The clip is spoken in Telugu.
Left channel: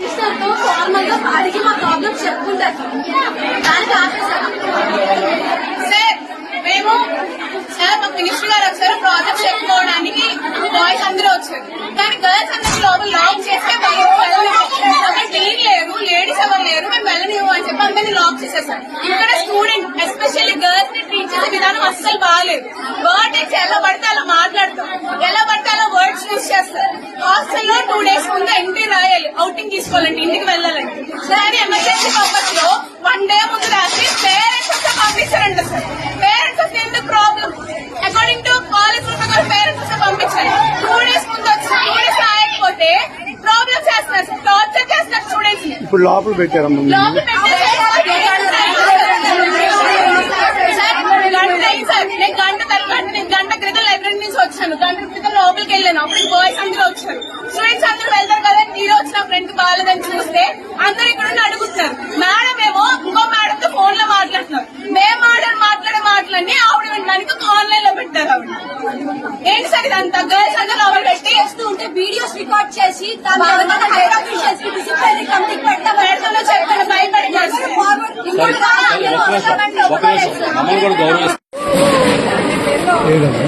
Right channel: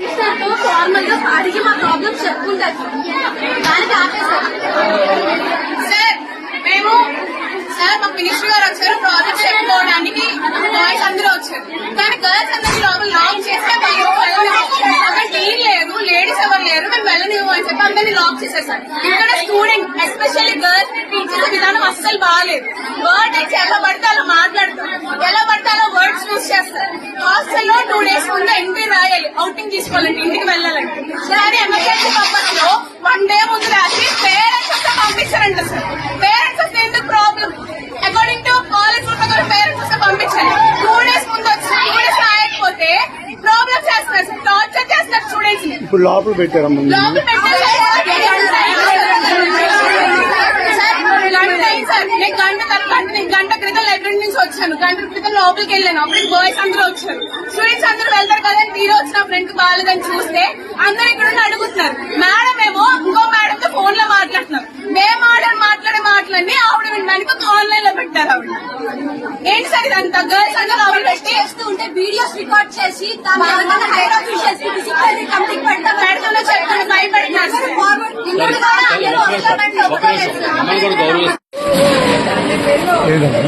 సార్ మేము సార్ మాకు మినిస్టర్ గారు వచ్చారు ప్రాజెక్ట్ చెప్పుకోవడానికి బాయ్స్ అందరూ వచ్చారు కానీ గర్ల్స్ అందరికి లోపల లాక్ చేస్తే అక్కడ టీన్ లేరు లేడీస్ ఎవరు లేరు మేము వెళ్ళనివ్వు అని చెప్పి అందరినీ లాక్ చేసేసారు. ఇక్కడ స్టూడెంట్ ఎస్పెషల్లీ గర్ల్స్ ని ట్రీట్ చేసే విధానం అస్సలు బాగాలేదు. వర్డ్ నుంచి ఎలా పడితే అలా మాట్లాడతాం, ఎలా పడితే అలా వర్డ్స్ యూజ్ చేస్తారు. హాస్టల్లో 2 days ముందు ఎంట్రీ రాయాలి అవుటింగ్ తీసుకోవాలంటే ఇంటికి వెళ్ళాలంటే. సరే ఎమర్జెన్సీ పర్పస్ లో 1 day ముందు రాసి పేరెంట్స్ వస్తే పంపిస్తారంట సార్. పేరెంట్స్ వస్తే ఎందుకు ప్రాబ్లం? అకార్డింగ్ టు కాలేజ్ ప్రకారం పేరెంట్స్ వస్తే పంపించాలి. 2 days ముందు వచ్చి 2 days రాయకపోతే ప్రాబ్లమ్ చేస్తున్నారు సార్, టార్చర్ చేస్తున్నారు స్టూడెంట్స్ ని. ఇప్పుడు లోపల పెట్టారమ్మా. లోపల పెట్టారు సార్. నేను గంట క్రితం లైబ్రరీ నుంచి వచ్చాను, గంట క్రితం లోపలికి వెళ్ళాను. అప్పుడు బాయ్స్ అందరూ వచ్చారు, స్టూడెంట్స్ అందరూ వెళ్తారు కదా. మీరు వచ్చిన ఫ్రెండ్ బాగాలేదని చూస్తే అందరూ ఇక్కడ అడుగుతున్నారు. మేడం ఏమో ఇంకో మేడం తో ఫోన్ లో మాట్లాడుతున్నారు. మేము మాట్లాడే మాటలన్నీ ఆవిడ వెనక ఆన్లైన్ లో పెట్టారు. ఆవిడ ఏంటి సార్ ఇదంతా? గర్ల్స్ అందరూ ఆవిడ పెట్టి చేస్తూ ఉంటే వీడియోస్ రికార్డ్ చేసి ఏదన్నా